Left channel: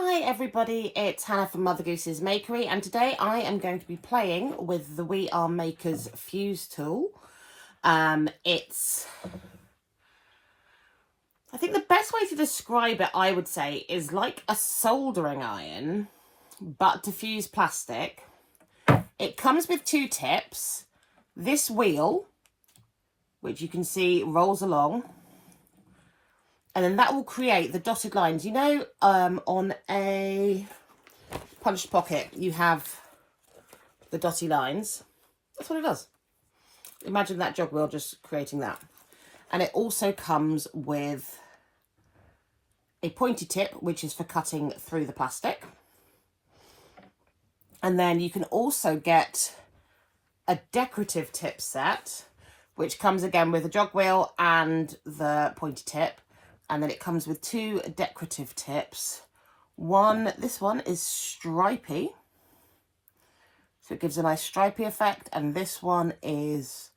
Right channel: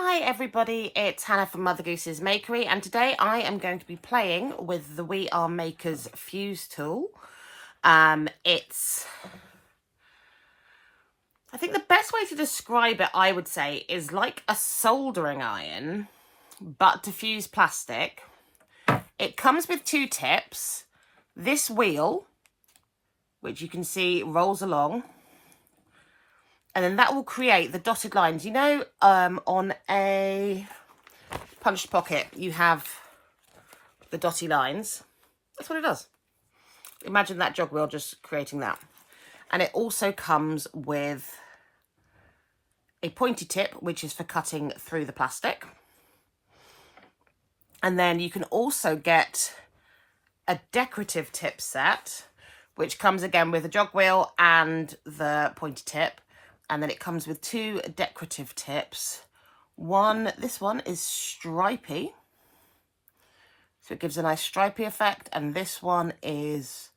Hi everybody, it's Hannah from Mother Goose's Makery, and today I am going to be playing with the We Are Makers fuse tool. I think the best way to describe it, I would say, is like a soldering iron, but to fuse plastic. It comes with two tips. This wheel, which you can see rolls along, and then that will create the dotted lines. You know, on a punched pocket, you have the dotty lines. That's what it does. Imagine that jog wheel just creating that. And it also comes with a pointy tip, which is for cutting through the plastic. And then you can also get a decorative tip set, which comes again with a jog wheel and the pointy tip. And then it comes with two decorative tips. This one is stripy, so it gives a nice stripy effect. And this one is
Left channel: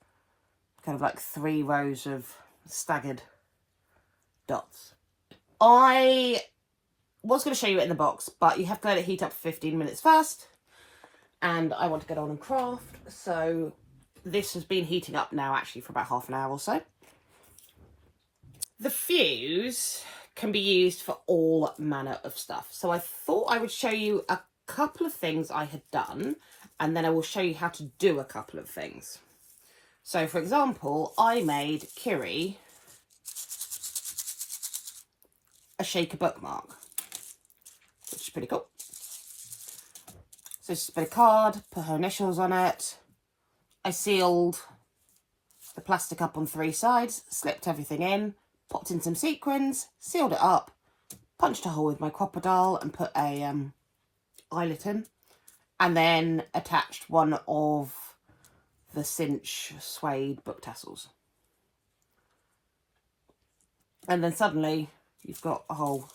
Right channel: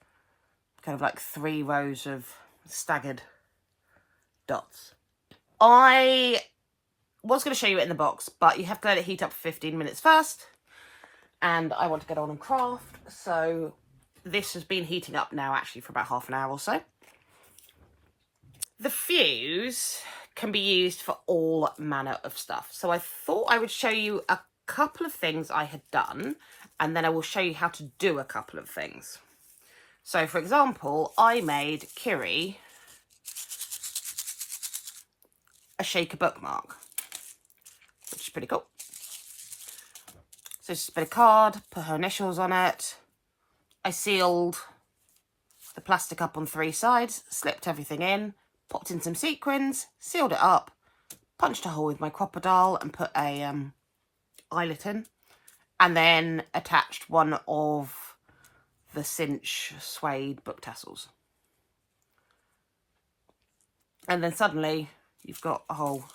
kind of like 3 rows of staggered dots. I was going to show you it in the box, but you have to let it heat up for 15 minutes first. And I want to get on and craft. So this has been heating up now actually for about half an hour or so. The fuse can be used for all manner of stuff. So I thought I would show you a couple of things I had done, and then I will show you how to do a couple of things. So for example, I made Kiri a shaker bookmark, which is pretty cool. So just a bit of card, put her initials on it. I sealed the plastic up on 3 sides, slipped everything in, popped in some sequins, sealed it up, punched a hole with my crocodile and put a eyelet in, and then attached one of the cinch suede book tassels. And then suddenly you've got a whole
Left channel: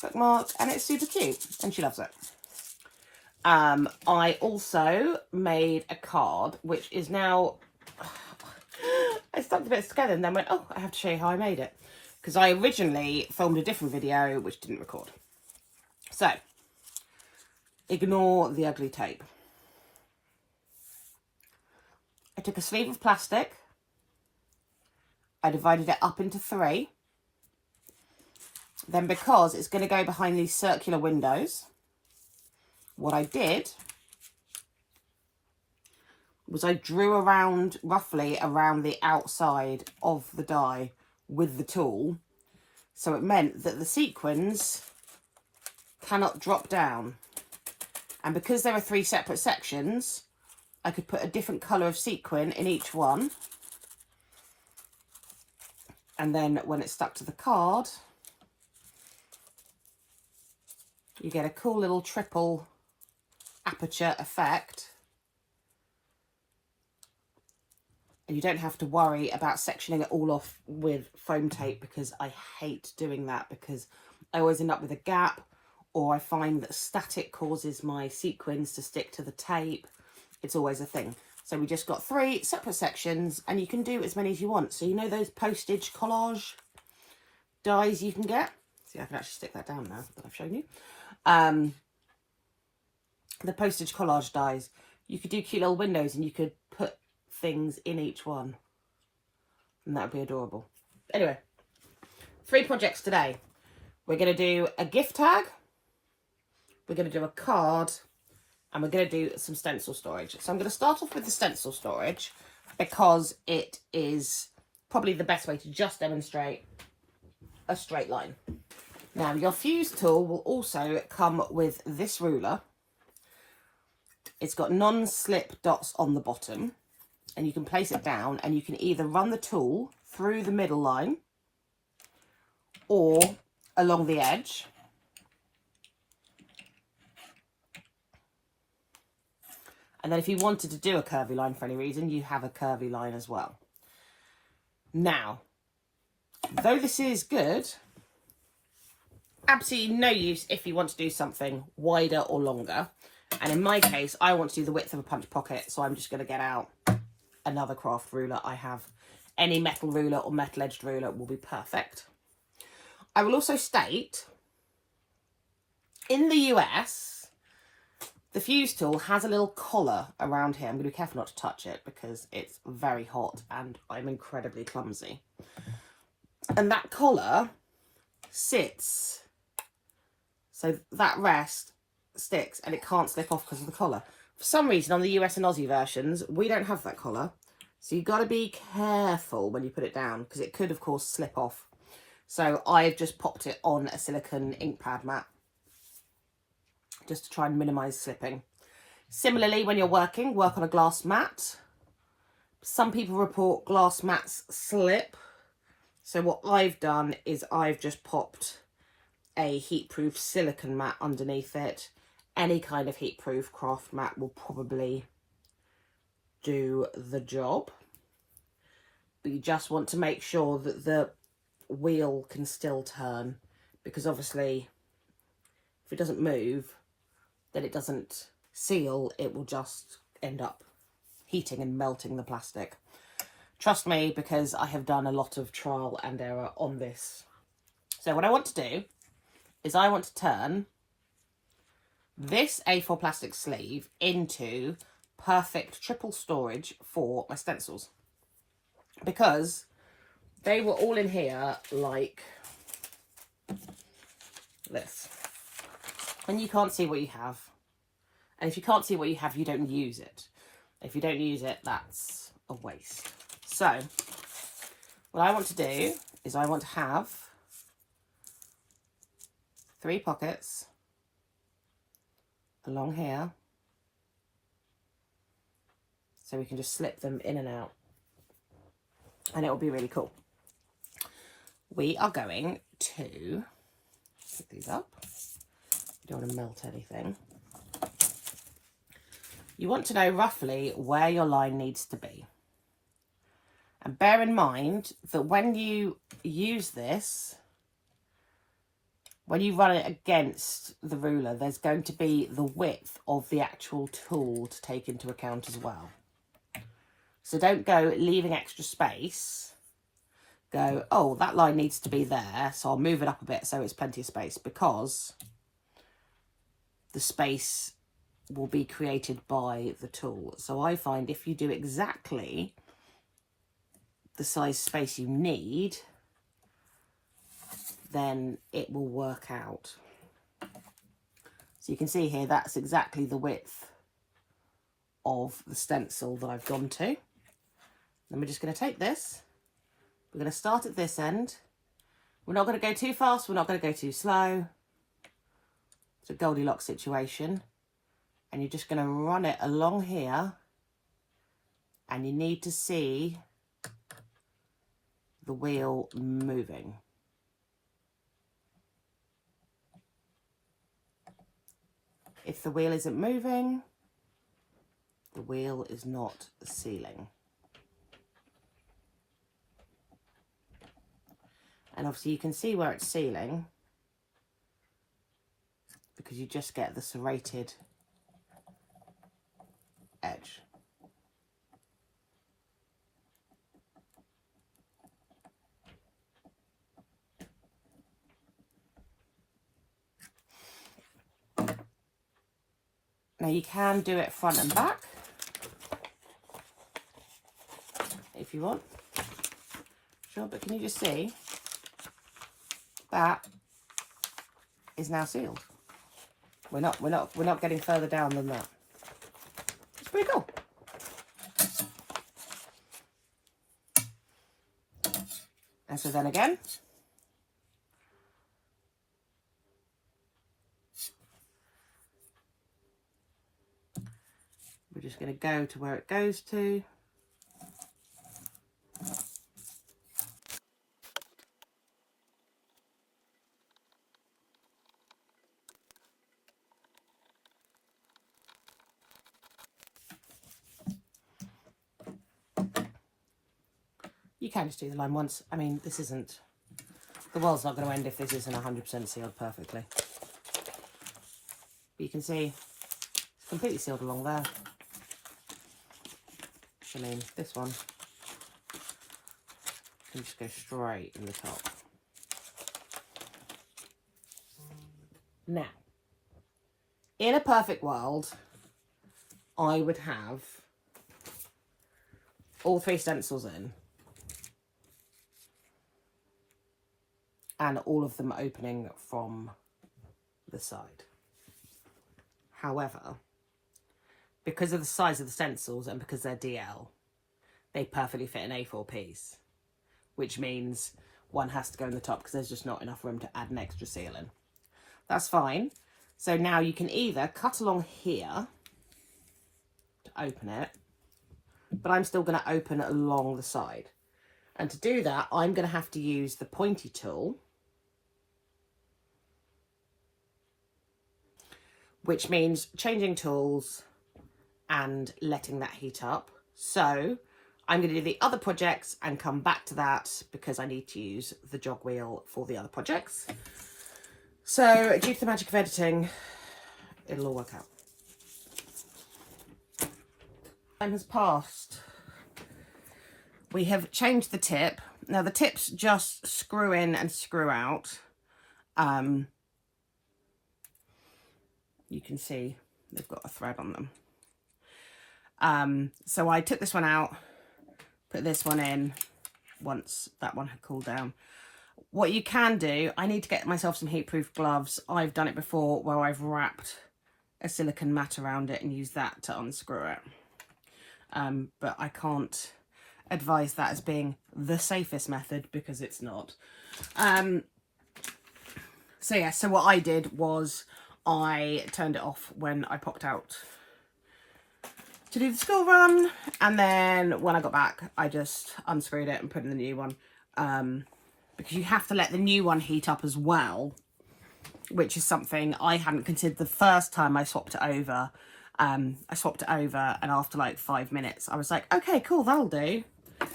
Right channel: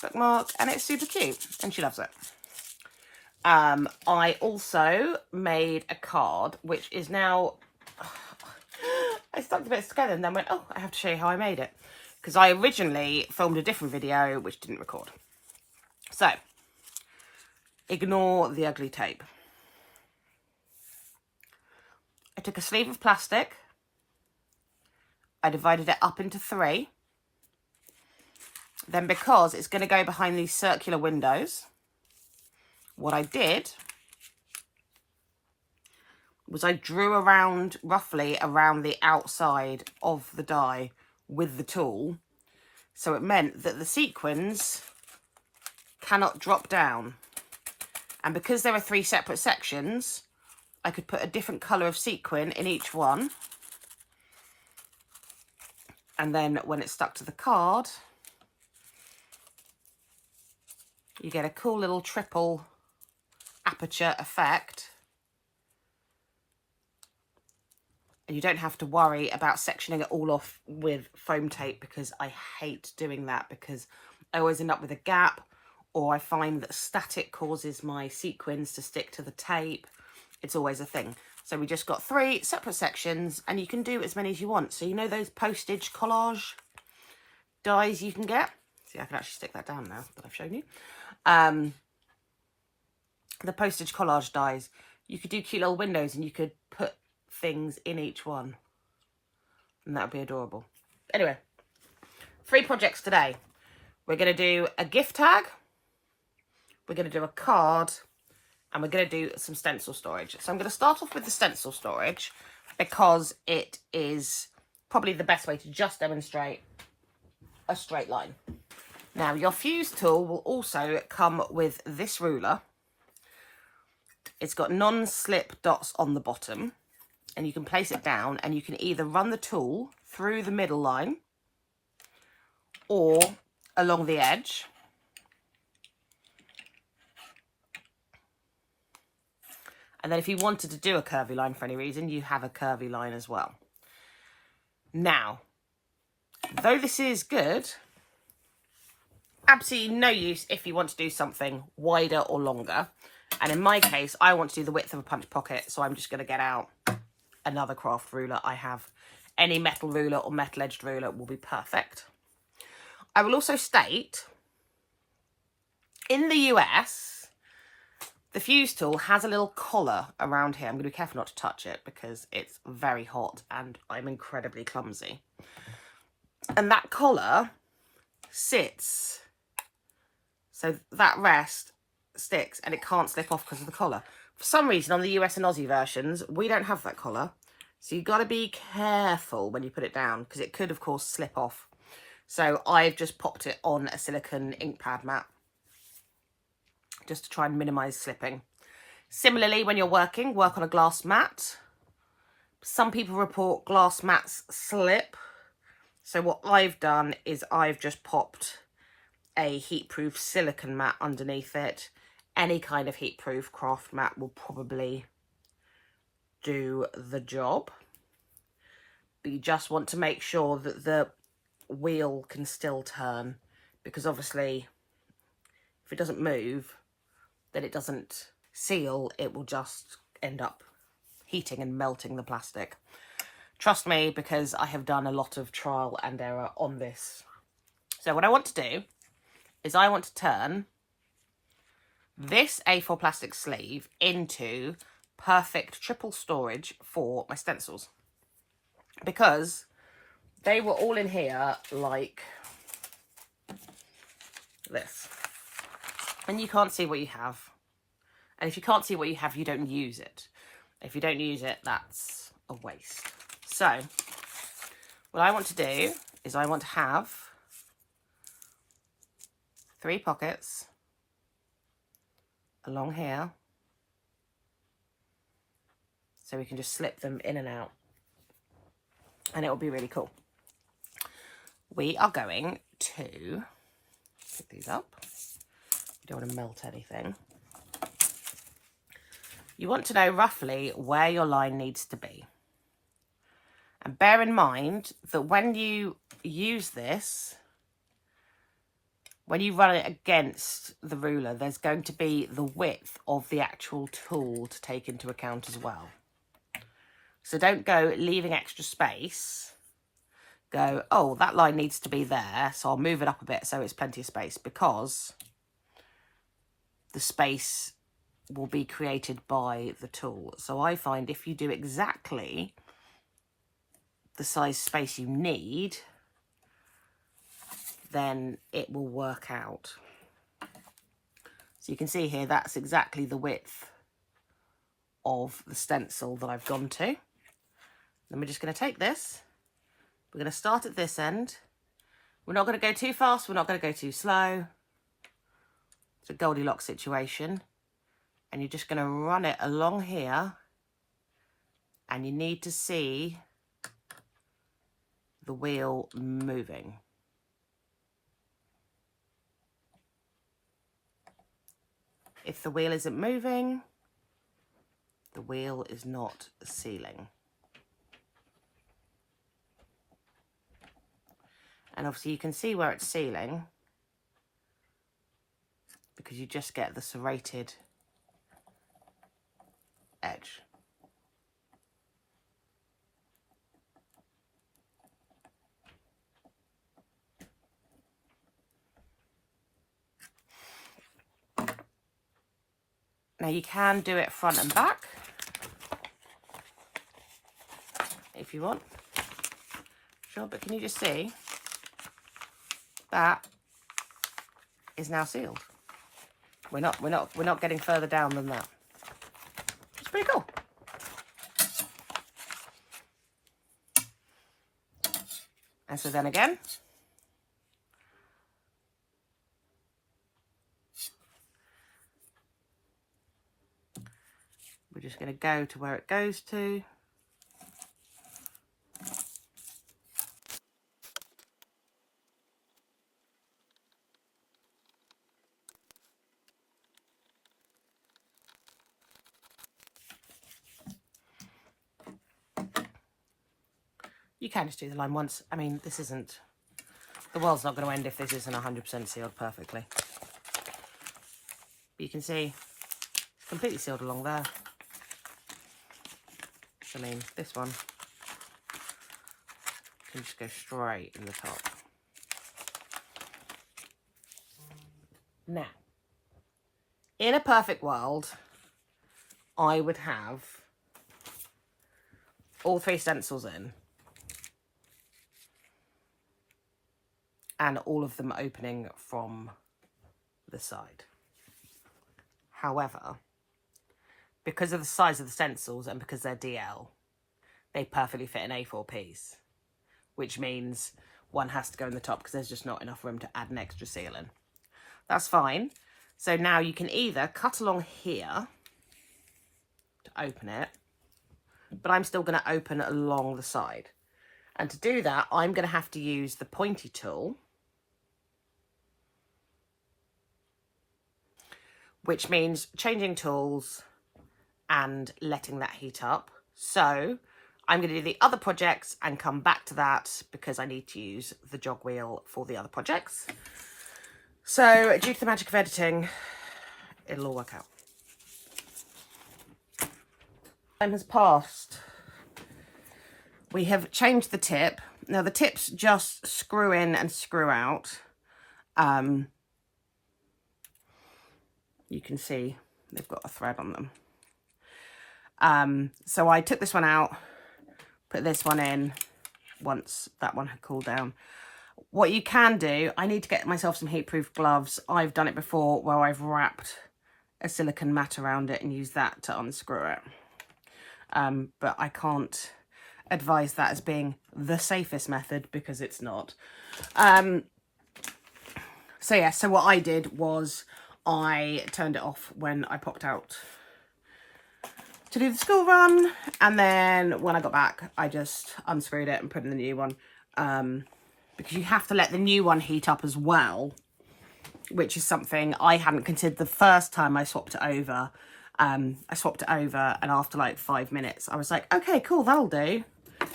bookmark and it's super cute and she loves it. I also made a card, which is now... I stuck the bits together and then went, oh, I have to show you how I made it. Because I originally filmed a different video which didn't record. So, ignore the ugly tape. I took a sleeve of plastic. I divided it up into 3. Then because it's going to go behind these circular windows, what I did was I drew around, roughly around the outside of the die with the tool. So it meant that the sequins cannot drop down. And because there are 3 separate sections, I could put a different colour of sequin in each one. And then when it's stuck to the card, you get a cool little triple aperture effect. And you don't have to worry about sectioning it all off with foam tape, because I hate doing that, because I always end up with a gap, or I find that static causes my sequins to stick to the tape. It's always a thing. So we just got 3 separate sections, and you can do as many as you want. So you know those postage collage dies you can get? See, I can actually stick that down now that I've shown you. The postage collage dies. You could do cute little windows and you could put things in each one, and that would be adorable. Anyway, 3 projects today. We're going to do a gift tag, we're going to do a card, and we're going to do some stencil storage. So I'm going to start off with the stencil storage because it is probably the best way to just demonstrate a straight line. Now, your fuse tool will also come with this ruler. It's got non-slip dots on the bottom, and you can place it down, and you can either run the tool through the middle line or along the edge. And then if you wanted to do a curvy line for any reason, you have a curvy line as well. Now, though this is good, absolutely no use if you want to do something wider or longer. And in my case, I want to do the width of a punch pocket, so I'm just going to get out another craft ruler. I have any metal ruler or metal edged ruler will be perfect. I will also state In the US, the fuse tool has a little collar around here. I'm going to be careful not to touch it because it's very hot and I'm incredibly clumsy. And that collar sits, so that rest sticks and it can't slip off because of the collar. For some reason on the US and Aussie versions, we don't have that collar. So you've got to be careful when you put it down because it could, of course, slip off. So I've just popped it on a silicone ink pad mat just to try and minimise slipping. Similarly, when you're working, work on a glass mat. Some people report glass mats slip. So what I've done is I've just popped a heatproof silicone mat underneath it. Any kind of heatproof craft mat will probably do the job. But you just want to make sure that the wheel can still turn, because obviously if it doesn't move, then it doesn't seal, it will just end up heating and melting the plastic. Trust me, because I have done a lot of trial and error on this. So what I want to do is I want to turn this A4 plastic sleeve into perfect triple storage for my stencils, because they were all in here like this, and you can't see what you have. And if you can't see what you have, you don't use it. If you don't use it, that's a waste. So what I want to do is I want to have 3 pockets along here, so we can just slip them in and out, and it will be really cool. We are going to put these up. You don't want to melt anything. You want to know roughly where your line needs to be. And bear in mind that when you use this, when you run it against the ruler, there's going to be the width of the actual tool to take into account as well. So don't go leaving extra space. Go, oh, that line needs to be there, so I'll move it up a bit so it's plenty of space, because the space will be created by the tool. So I find if you do exactly the size space you need, then it will work out. So you can see here, that's exactly the width of the stencil that I've gone to. Then we're just going to take this. We're going to start at this end. We're not going to go too fast. We're not going to go too slow. It's a Goldilocks situation. And you're just going to run it along here. And you need to see the wheel moving. If the wheel isn't moving, the wheel is not sealing. And obviously you can see where it's sealing because you just get the serrated edge. Now you can do it front and back if you want. Sure, but can you just see that is now sealed? We're not getting further down than that. It's pretty cool. And so then again, we're just going to go to where it goes to. You can just do the line once. I mean, this isn't, the world's not going to end if this isn't 100% sealed perfectly. But you can see it's completely sealed along there. I mean, this one can just go straight in the top. Now, In a perfect world, I would have all 3 stencils in and all of them opening from the side. However, because of the size of the stencils and because they're DL, they perfectly fit an A4 piece, which means one has to go in the top because there's just not enough room to add an extra seal in. That's fine. So now you can either cut along here to open it, but I'm still going to open along the side. And to do that, I'm going to have to use the pointy tool, which means changing tools and letting that heat up. So I'm going to do the other projects and come back to that because I need to use the jog wheel for the other projects. So due to the magic of editing, it'll all work out. Time has passed. We have changed the tip. Now the tips just screw in and screw out. You can see they've got a thread on them. So I took this one out, put this one in once that one had cooled down. What you can do, I need to get myself some heat-proof gloves. I've done it before where I've wrapped a silicone mat around it and used that to unscrew it. But I can't advise that as being the safest method because it's not. So yeah, so what I did was I turned it off when I popped out to do the school run, and then when I got back I just unscrewed it and put in the new one, because you have to let the new one heat up as well, which is something I hadn't considered the first time I swapped it over. I swapped it over and after like 5 minutes I was like, okay, cool, that'll do.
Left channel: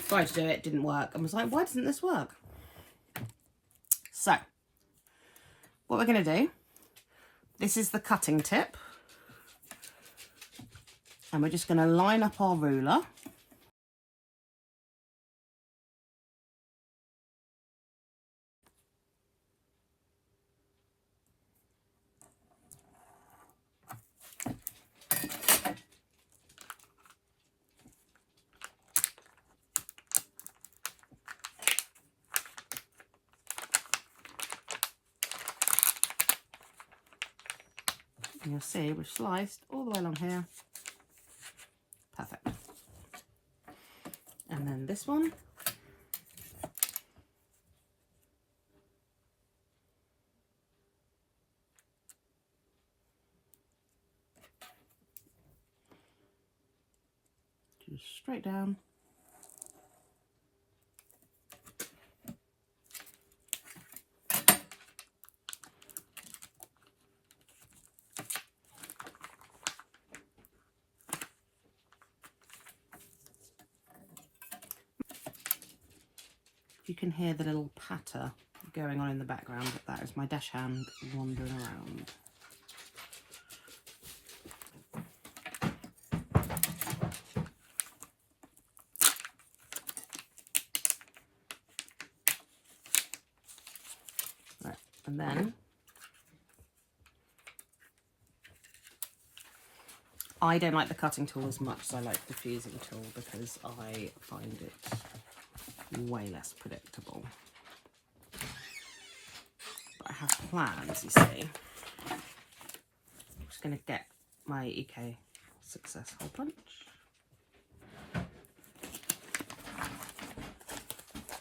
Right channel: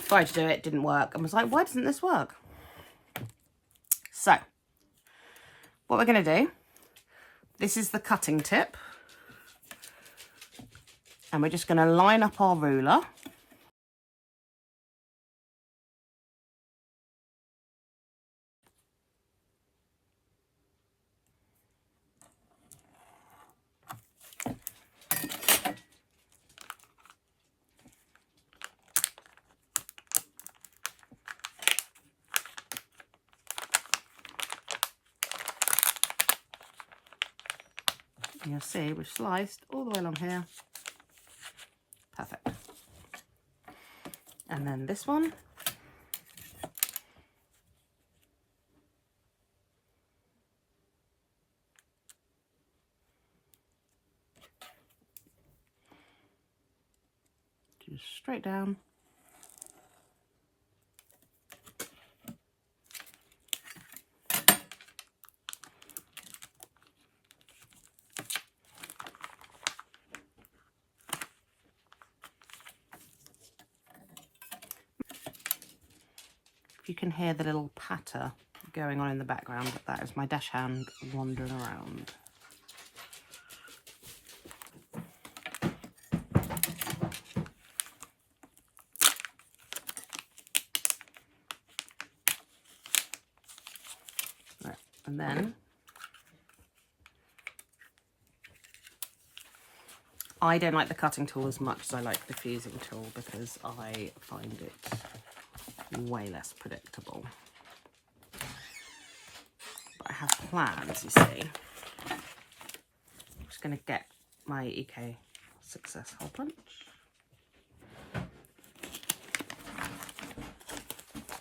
Tried to do it, didn't work, and was like, why doesn't this work? So what we're going to do, this is the cutting tip, and we're just going to line up our ruler. And you'll see we've sliced all the way along here. Perfect. And then this one. Just straight down. You can hear the little patter going on in the background, but that is my dash hand wandering around. Right, and then I don't like the cutting tool as much as I like the fusing tool because I find it way less predictable. But I have plans, you see. I'm just going to get my EK Success hole punch.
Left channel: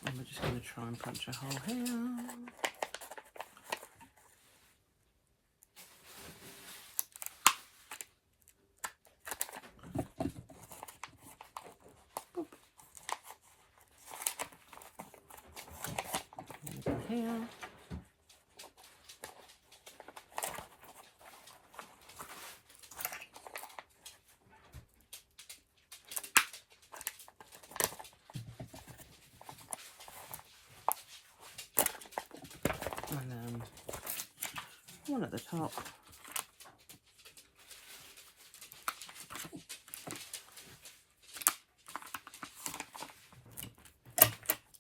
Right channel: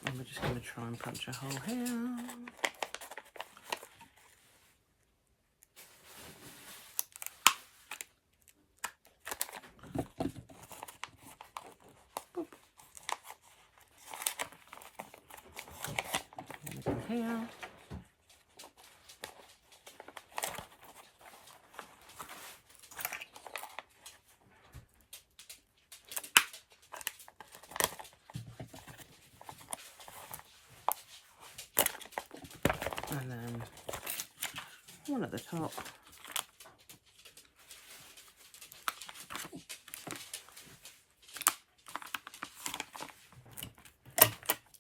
And we're just going to try and punch a hole here. Here. And then one at the top.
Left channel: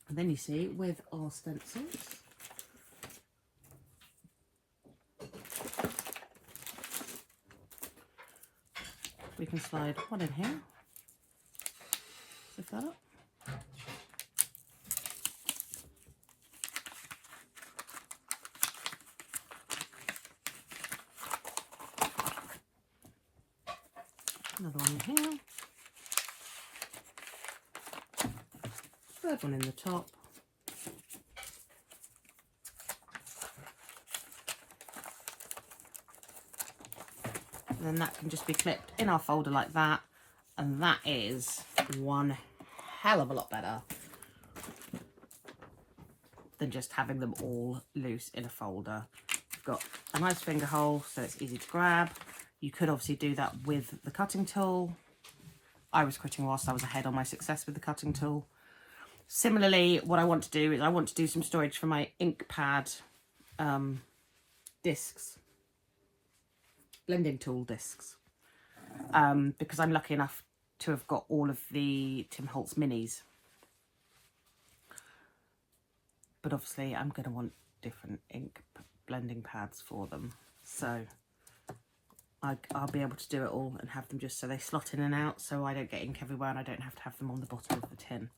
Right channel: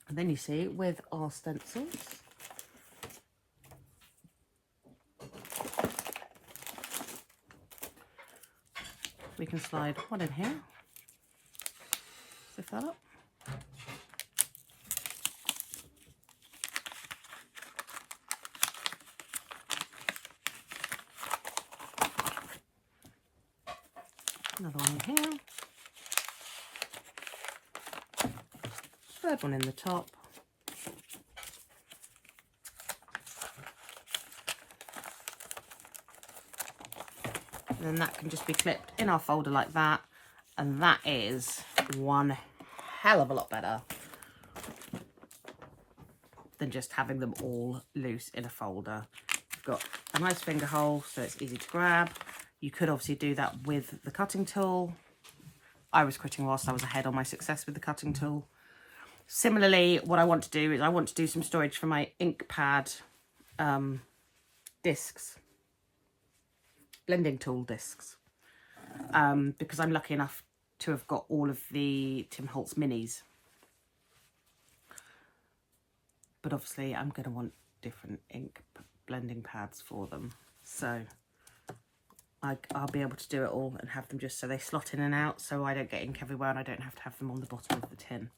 And then you see with our stencils, we can slide one in here. Lift that up. Another one in here. Third one in the top. And then that can just be clipped in our folder like that. And that is one hell of a lot better than just having them all loose in a folder. You've got a nice finger hole, so it's easy to grab. You could obviously do that with the cutting tool. I was quitting whilst I was ahead on my success with the cutting tool. Similarly, what I want to do is I want to do some storage for my ink pad discs. Blending tool discs, because I'm lucky enough to have got all of the Tim Holtz minis, but obviously I'm going to want different ink blending pads for them, so I'll be able to do it all and have them just so they slot in and out, so I don't get ink everywhere and I don't have to have them on the bottom of the tin.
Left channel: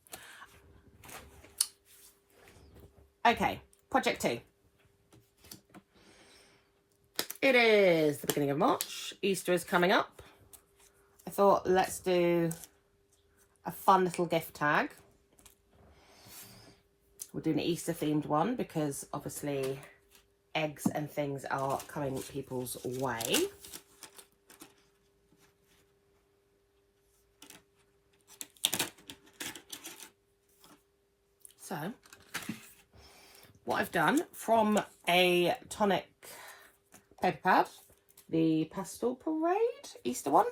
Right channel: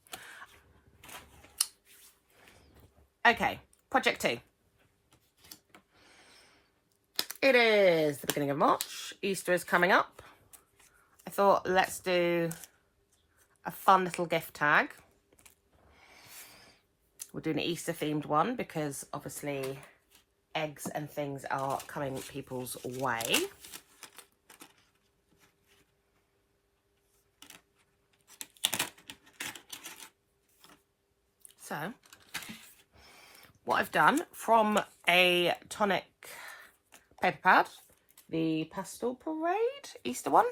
Okay, project 2. It is the beginning of March. Easter is coming up. I thought, let's do a fun little gift tag. We're doing an Easter themed one because obviously eggs and things are coming people's way. So, what I've done from a tonic paper pad, the Pastel Parade Easter one,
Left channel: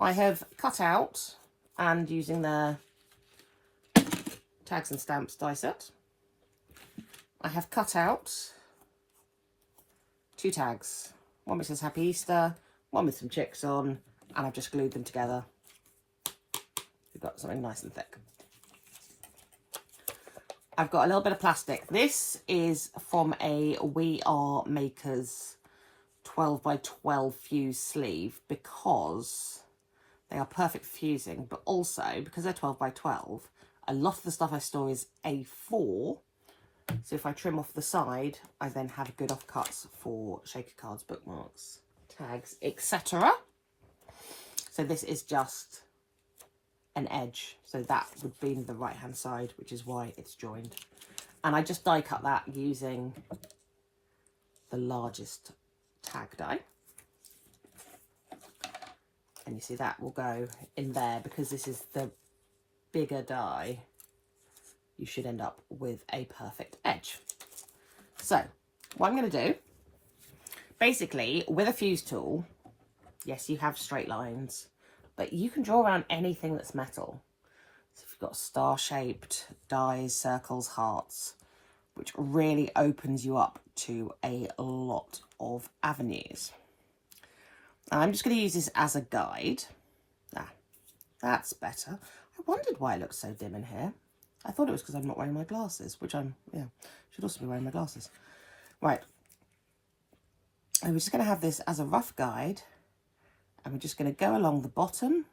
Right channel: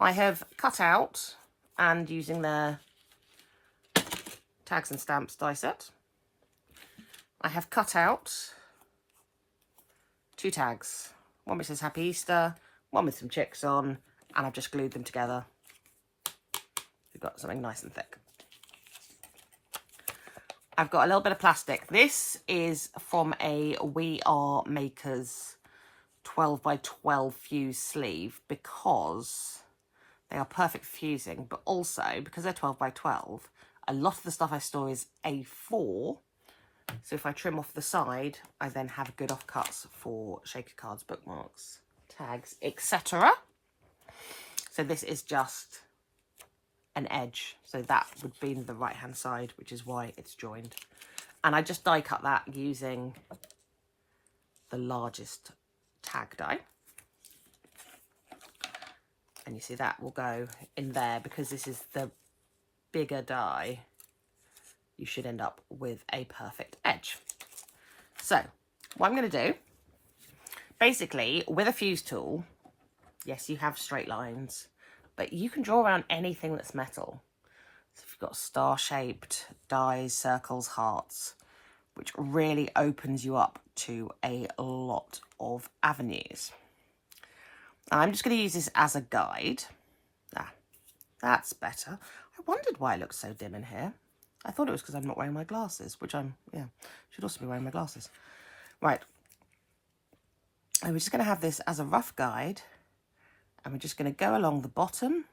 I have cut out, and using the tags and stamps die set, I have cut out 2 tags. One which says Happy Easter, one with some chicks on, and I've just glued them together. We've got something nice and thick. I've got a little bit of plastic. This is from a We Are Makers 12 by 12 fuse sleeve because they are perfect for fusing, but also because they're 12 by 12, a lot of the stuff I store is A4, so if I trim off the side, I then have good offcuts for shaker cards, bookmarks, tags, etc. So this is just an edge, so that would be the right hand side, which is why it's joined. And I just die cut that using the largest tag die, and you see that will go in there because this is the bigger die. You should end up with a perfect edge. So what I'm going to do, basically with a fuse tool, yes, you have straight lines, but you can draw around anything that's metal. So if you've got star shaped dies, circles, hearts, which really opens you up to a lot of avenues. I'm just going to use this as a guide. That's better. I wondered why it looked so dim in here. I thought it was because I'm not wearing my glasses, which should also be wearing my glasses. Right. And we're just going to have this as a rough guide, and we're just going to go along the bottom.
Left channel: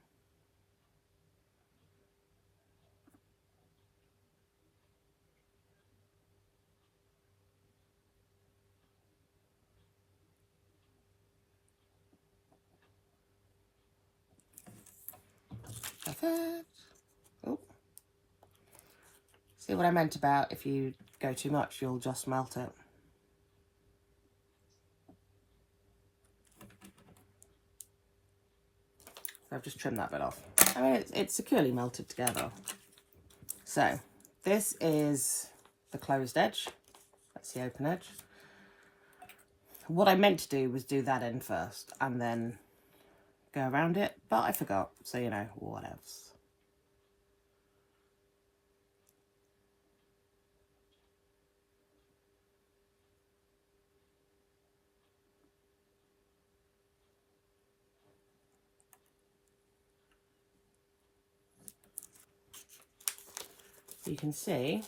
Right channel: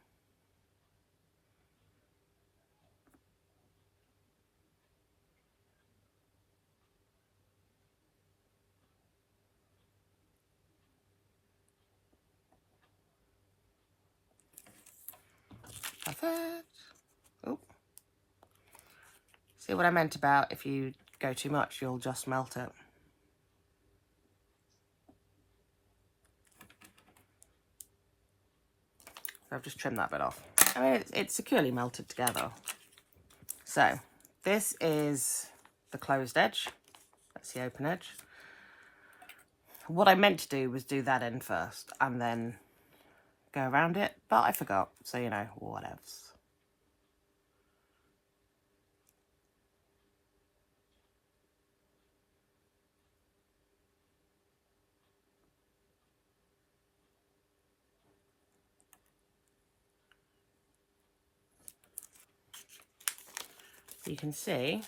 Perfect. Oh. See what I meant about if you go too much, you'll just melt it. So I've just trimmed that bit off. I mean, it's securely melted together. So this is the closed edge. That's the open edge. What I meant to do was do that end first and then go around it, but I forgot. So, you know, what else? You can see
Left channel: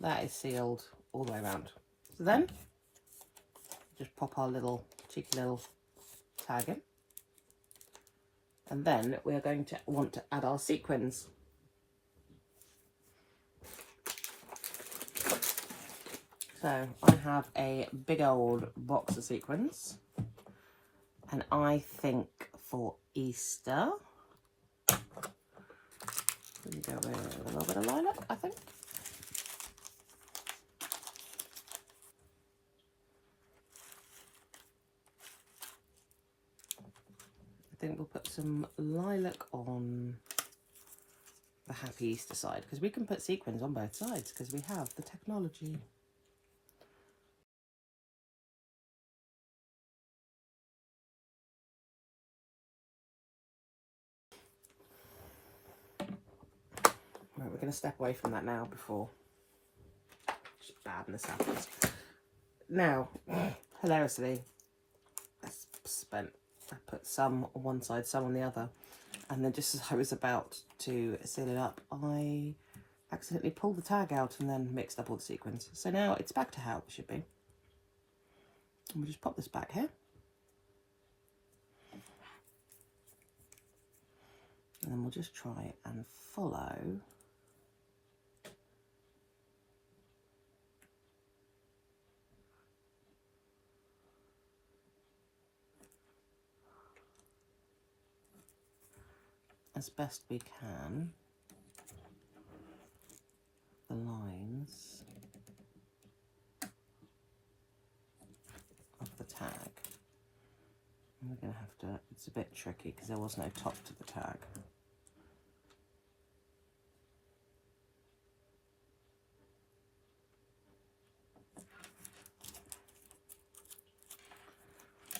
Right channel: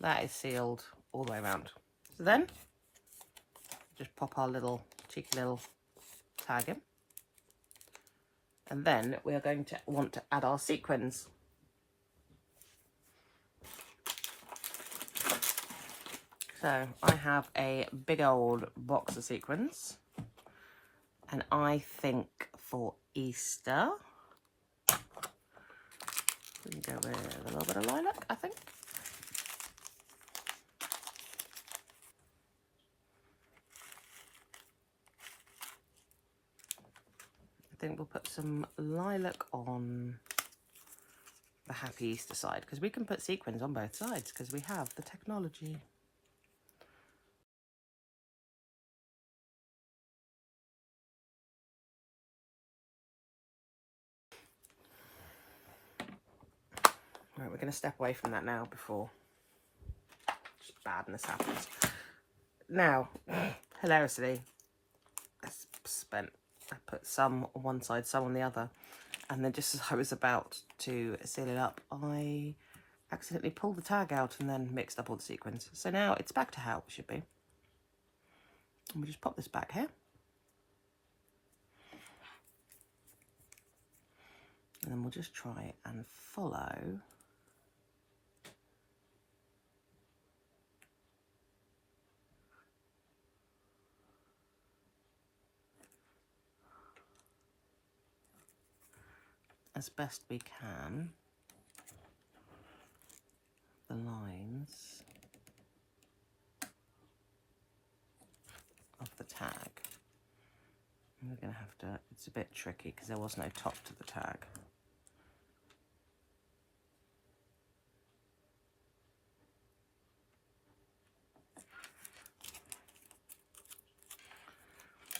that is sealed all the way around. So then just pop our little cheeky little tag in. And then we're going to want to add our sequins. So I have a big old box of sequins, and I think for Easter we can go with a little bit of lilac, I think. I think we'll put some lilac on the Happy Easter side, because we can put sequins on both sides because we have the technology. Right, we're going to step away from that now before just badness happens. Now, hilariously, I put some on one side, some on the other, and then just as I was about to seal it up, I accidentally pulled the tag out and then mixed up all the sequins. So now it's back to how it should be. And we just pop this back here. And then we'll just try and follow as best we can the lines of the tag. And we're going to have to, it's a bit tricky because there was no top to the tag.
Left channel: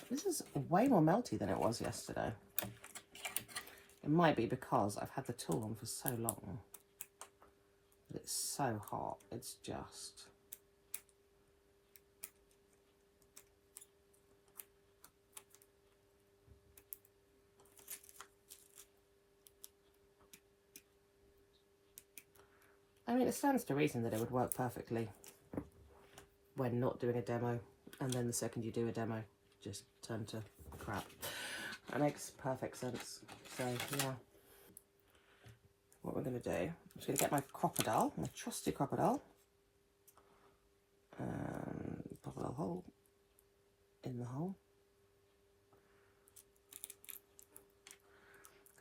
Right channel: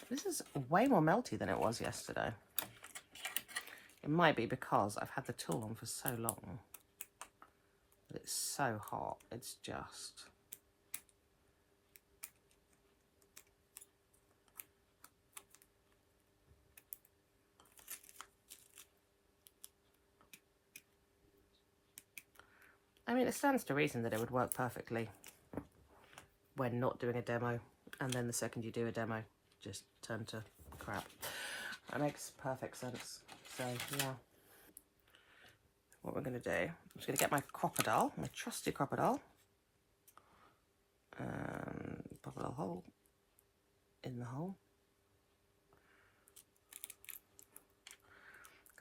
This is way more melty than it was yesterday. It might be because I've had the tool on for so long. It's so hot, it's just... I mean, it stands to reason that it would work perfectly when not doing a demo, and then the second you do a demo, just turn to crap. That makes perfect sense. So yeah, what we're going to do, I'm just going to get my crocodile, my trusty crocodile, and pop a little hole in the hole.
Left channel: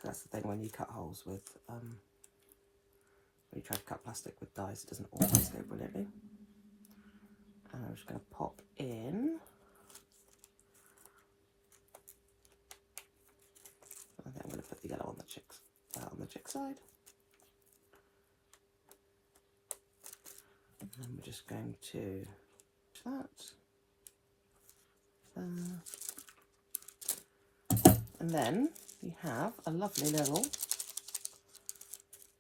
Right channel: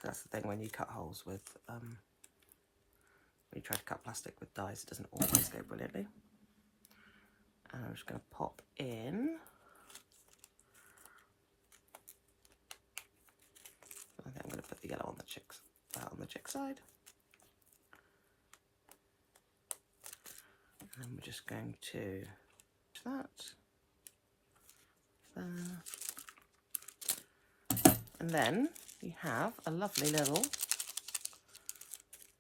That's the thing when you cut holes with, when you try to cut plastic with dies, it doesn't always go brilliantly. And I'm just going to pop in. I think I'm going to put the yellow on the chick side. And then we're just going to that. And then you have a lovely little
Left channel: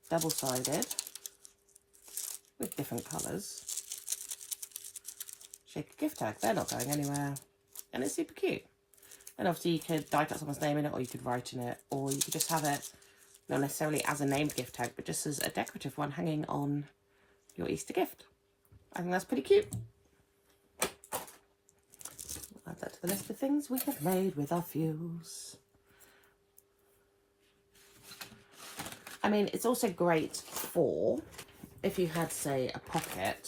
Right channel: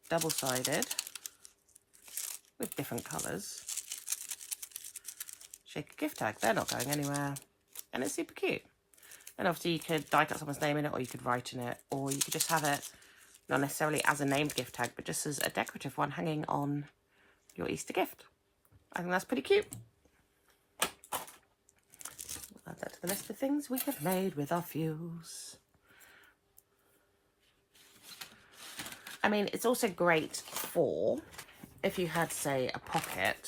double-sided with different colours shaker gift tag. They're not going anywhere, and it's super cute. And obviously you could die cut someone's name in it, or you could write in it, or you could just have it not necessarily as a named gift tag, but just as a decorative one hanging on your Easter gift. I think that's pretty cute. We'll add that to the list of things we have made with our fuse. I mean, it's also great for, if you had, say, a pocket,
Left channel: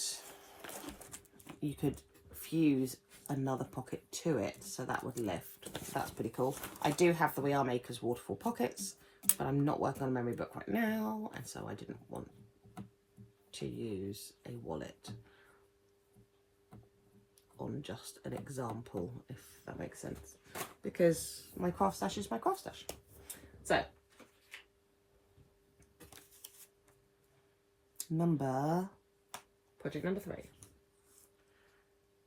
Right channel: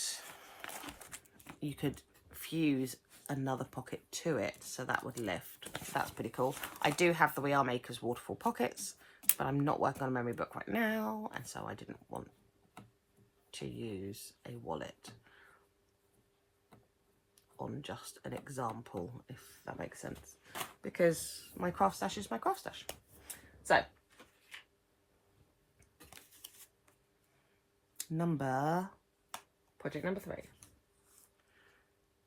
you could fuse another pocket to it, so that would lift. That's pretty cool. I do have the We Are Makers waterfall pockets, but I'm not working on a memory book right now, and so I didn't want to use a wallet on just an example, if that makes sense, because my craft stash is my craft stash. So project number 3. So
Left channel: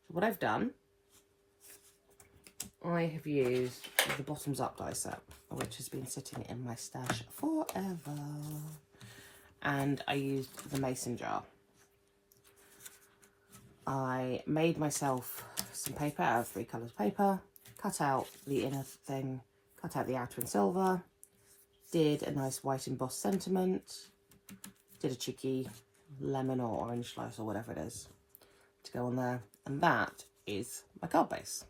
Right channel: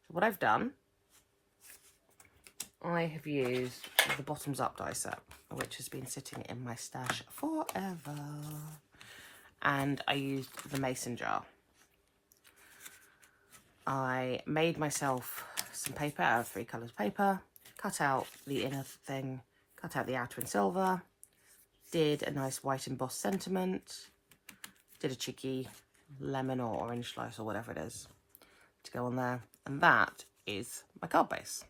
what I've done, I have used the bottoms up die set, which has been sitting in my stash forever, and I used the mason jar. I made myself some paper out of 3 colours paper, cut out the inner thing, cut out the outer in silver, did a nice white embossed sentiment, did a cheeky lemon or orange slice or whatever it is to go on there, and that is my card base.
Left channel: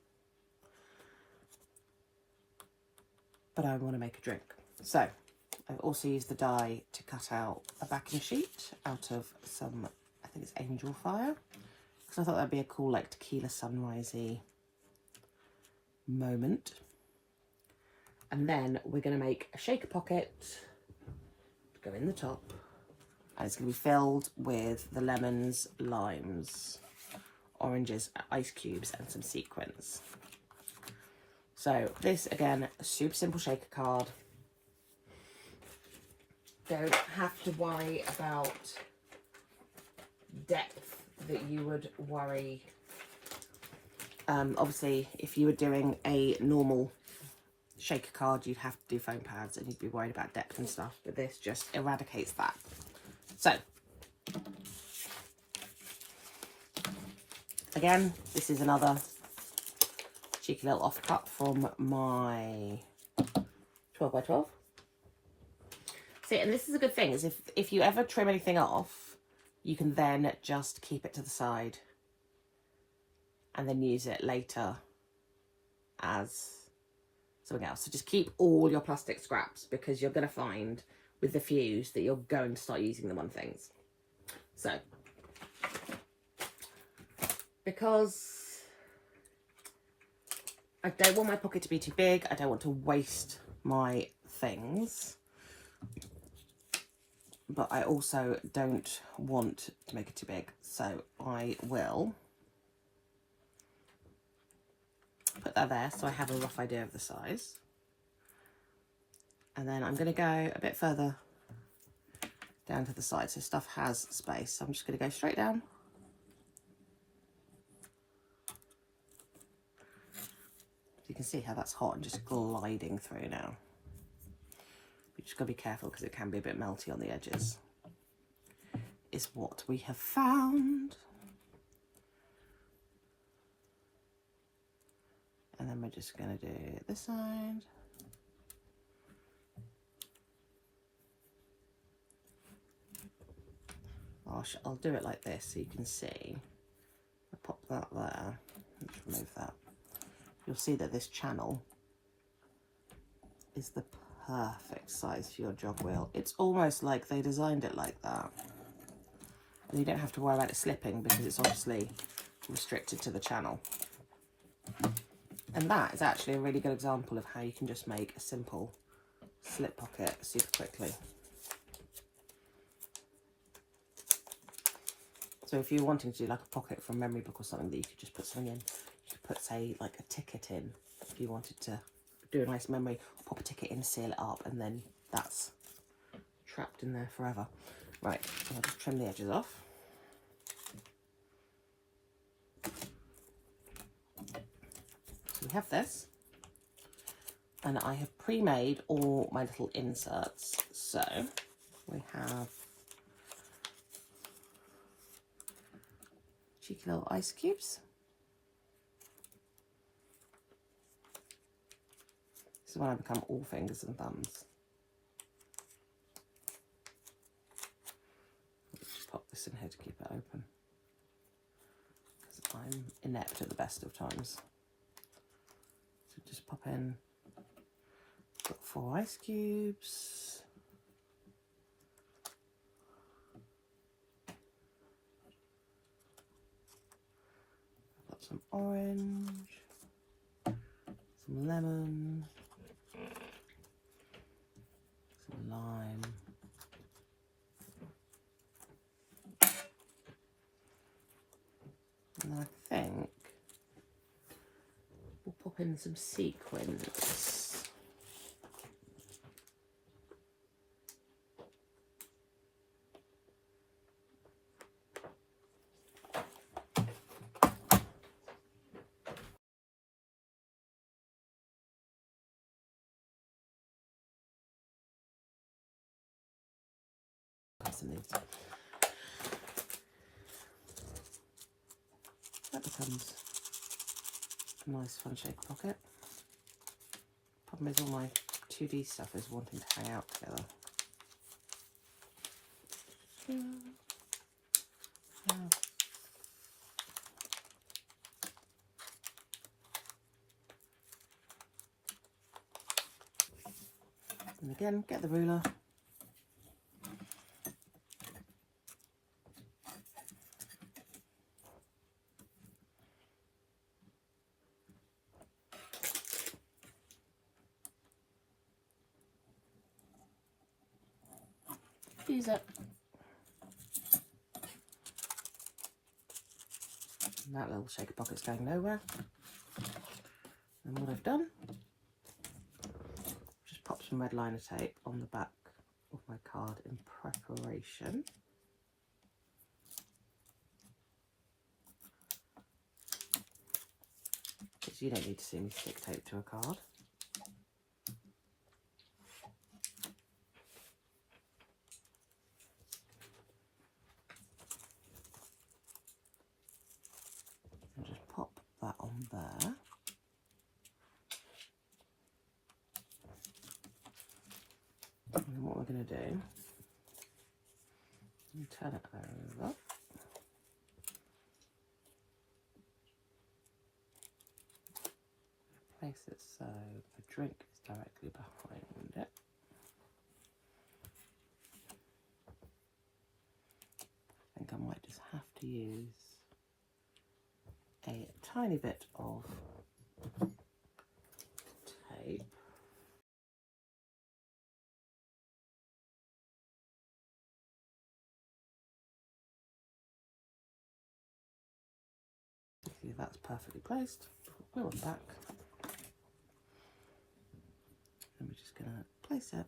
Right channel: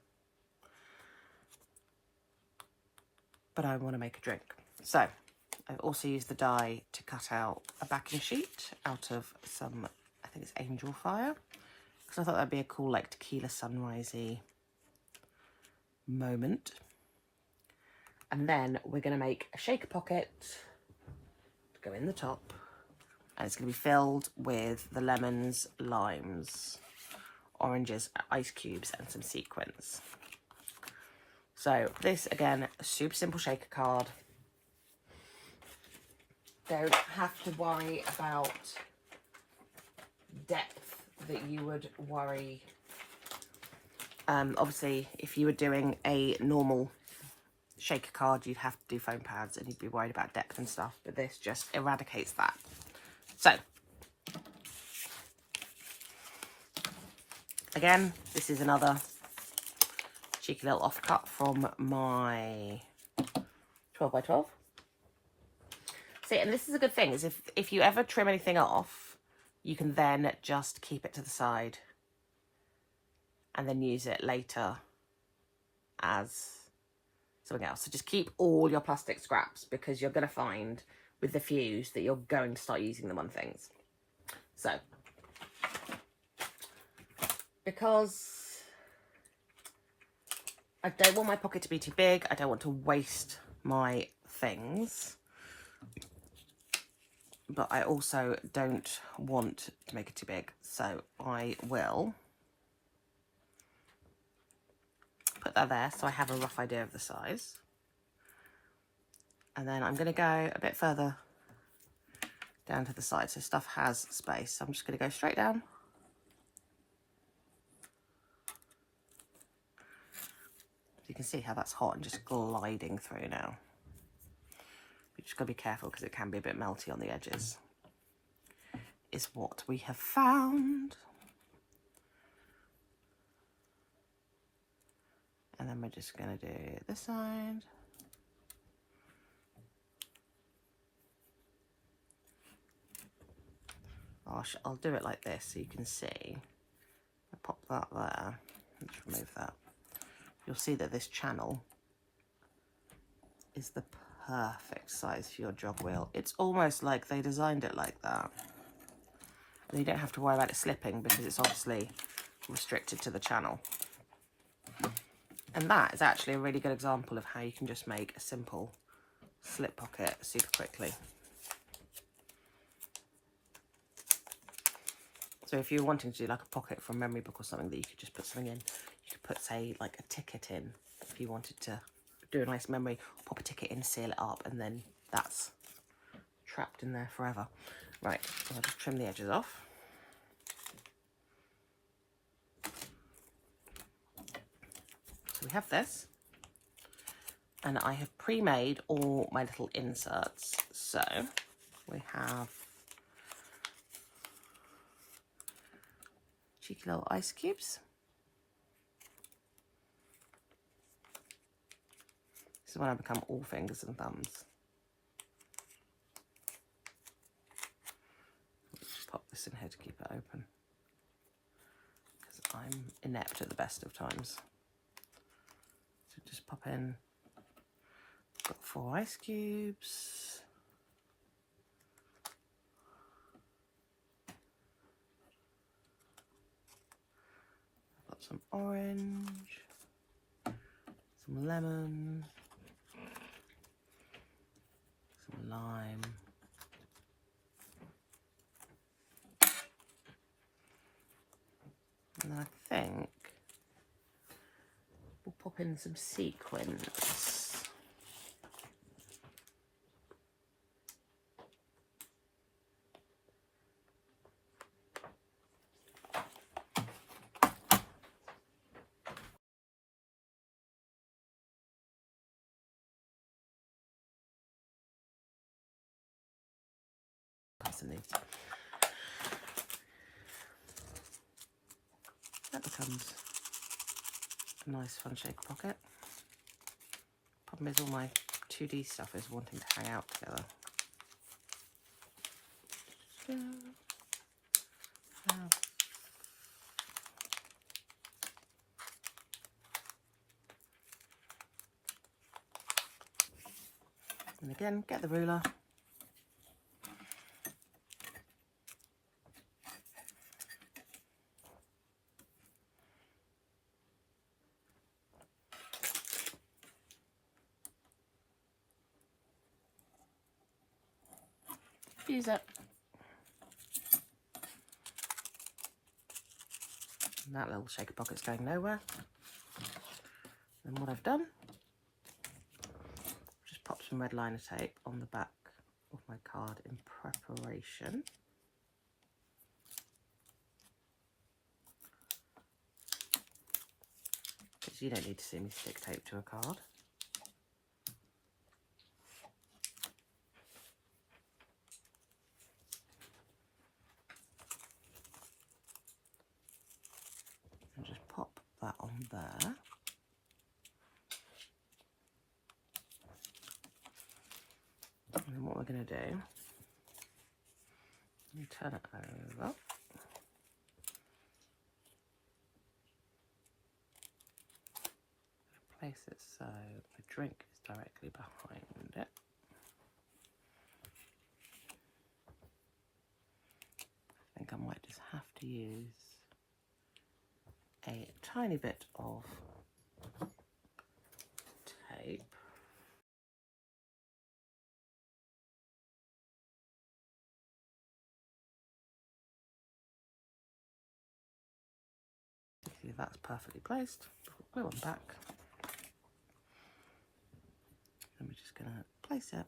but I want to make a drink. So I've also used the die to cut out a backing sheet out of some, I think it's Angel Fire, because I thought that'd be a cool like tequila sunrisey moment. And then we're going to make a shaker pocket to go in the top, and it's going to be filled with the lemons, limes, oranges, ice cubes, and some sequins. So this, again, a super simple shaker card. Don't have to worry about depth that you would worry. Obviously, if you were doing a normal shaker card, you'd have to do foam pads and you'd be worried about depth and stuff, but this just eradicates that. So, again, this is another cheeky little offcut from my 12 by 12. See, and this is a good thing, is if you ever trim anything off, you can then just keep it to the side and then use it later as something else. So just keep all your plastic scraps, because you're going to find with the fuse that you're going to start using them on things. So, because I don't want my pocket to be too big, I don't want to waste my things, but I also don't want to make it too big. So I will put that there so I have a rough idea of the size. And then I'm going to go a bit further down to the side so stuff has space. So I'm just going to go straight down. You can see how that's hot and just gliding through now. You just got to be careful because it can be a bit melty on the edges, is what we have found. And then we're just going to do this side. Gosh, I'll do it like this so you can see. I pop that there. Let's remove that. You'll see that this channel is the perfect size for your jog wheel. It's almost like they designed it like that. And you don't have to worry about it slipping because it's obviously restricted to the channel. And that is actually a really good example of how you can just make a simple slip pocket super quickly. So if you're wanting to do like a pocket from memory book or something that you could just put something in, you could put, say, like a ticket in if you wanted to do a nice memory, pop a ticket in, seal it up, and then that's trapped in there forever. Right, I'll just trim the edges off. We have this, and I have pre-made all my little inserts. So we have cheeky little ice cubes. This is when I become all fingers and thumbs. Just pop this in here to keep it open, because I'm inept at the best of times. So just pop in, got 4 ice cubes. I've got some orange, some lemon, some lime, and I think we'll pop in some sequins. That becomes a nice fun shaker pocket. Problem is all my 2D stuff is wanting to hang out together. And again, get the ruler. Use it. And that little shaker pocket's going nowhere. And what I've done, just pop some red liner tape on the back of my card in preparation. Because you don't need to see me stick tape to a card. And just pop that on there. And then what we're going to do, turn it over. Place it so the drink is directly behind it. I think I might just have to use a tiny bit of tape. See, that's perfectly placed. Put it back. I'm just going to place it.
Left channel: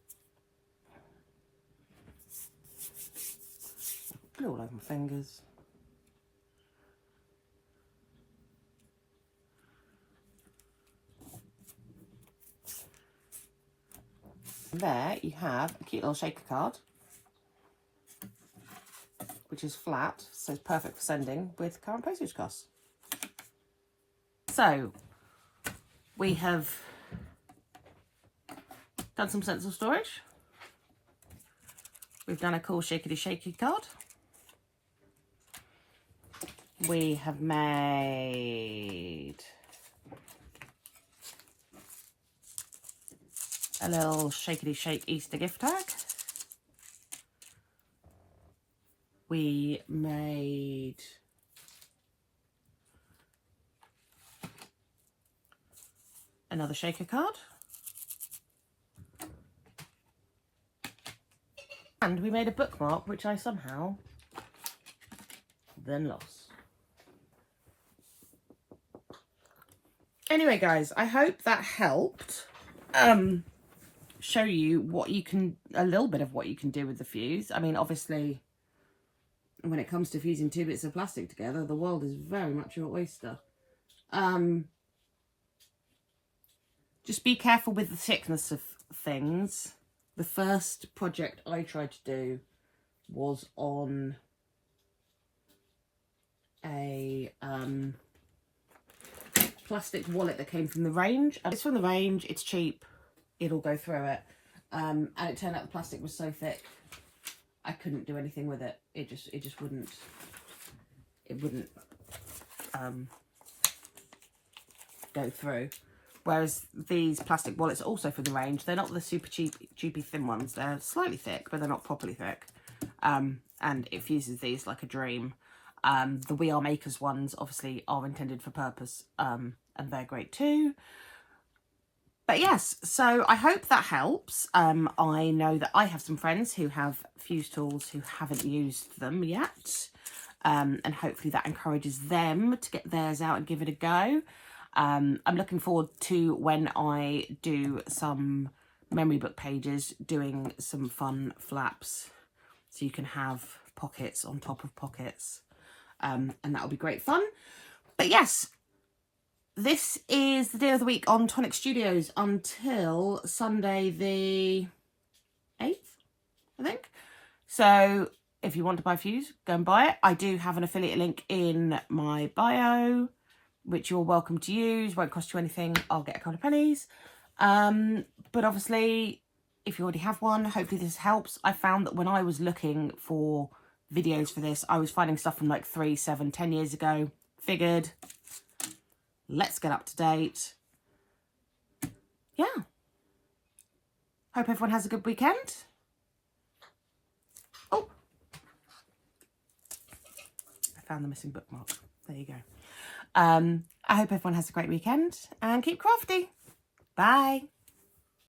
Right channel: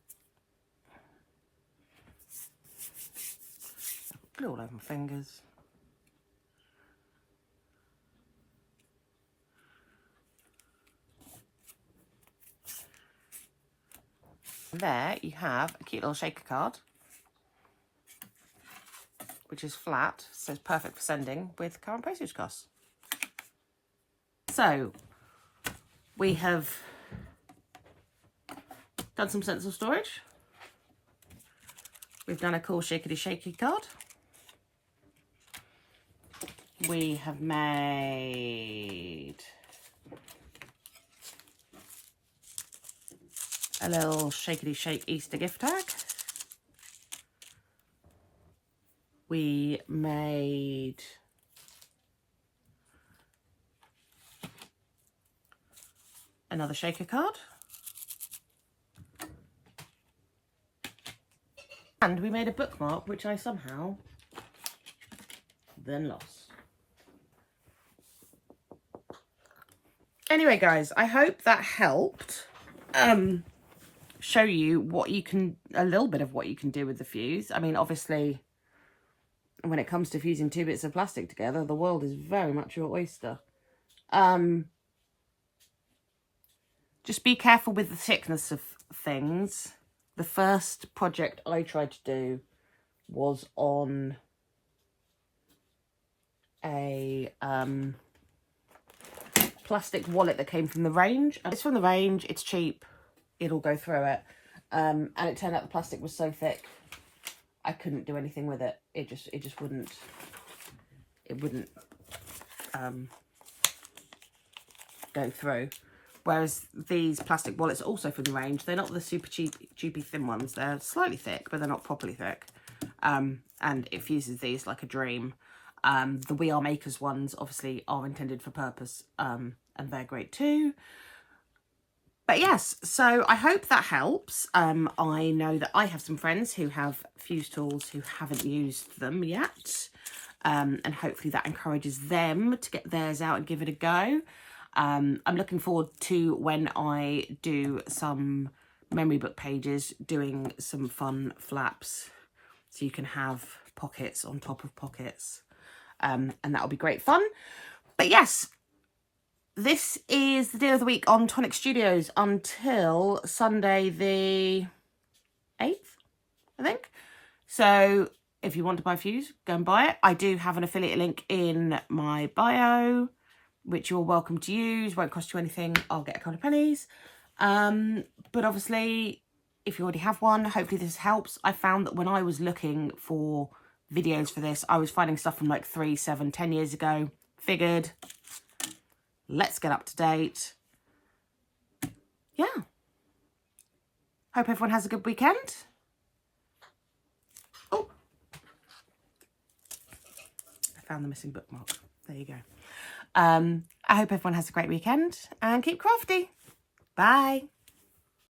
Put it all over my fingers. And there you have a cute little shaker card, which is flat, so it's perfect for sending with current postage costs. So we have done some stencil storage. We've done a cool shaky card. We have made a little shake Easter gift tag. We made another shaker card. And we made a bookmark, which I somehow then lost. Anyway, guys, I hope that helped show you what you can, a little bit of what you can do with the fuse. I mean, obviously, when it comes to fusing 2 bits of plastic together, the world is very much your oyster. Just be careful with the thickness of things. The first project I tried to do was on a plastic wallet that came from the range. It's from the range, it's cheap, it'll go through it. And it turned out the plastic was so thick, I couldn't do anything with it. It just wouldn't, go through. Whereas these plastic wallets are also from the range. They're not the super cheapy thin ones. They're slightly thick, but they're not properly thick. And it fuses these like a dream. The We Are Makers ones obviously are intended for purpose, and they're great too. But yes, so I hope that helps. I know that I have some friends who have fuse tools who haven't used them yet. And hopefully that encourages them to get theirs out and give it a go. I'm looking forward to when I do some memory book pages, doing some fun flaps so you can have pockets on top of pockets, and that'll be great fun. But yes, this is the deal of the week on Tonic Studios until Sunday the 8th, I think. So if you want to buy fuse, go and buy it. I do have an affiliate link in my bio, which you're welcome to use. Won't cost you anything. I'll get a couple of pennies. But obviously, if you already have one, hopefully this helps. I found that when I was looking for videos for this, I was finding stuff from like 3, 7, 10 years ago. Figured, let's get up to date. Yeah. Hope everyone has a good weekend. Oh, I found the missing bookmark. There you go. I hope everyone has a great weekend and keep crafty. Bye.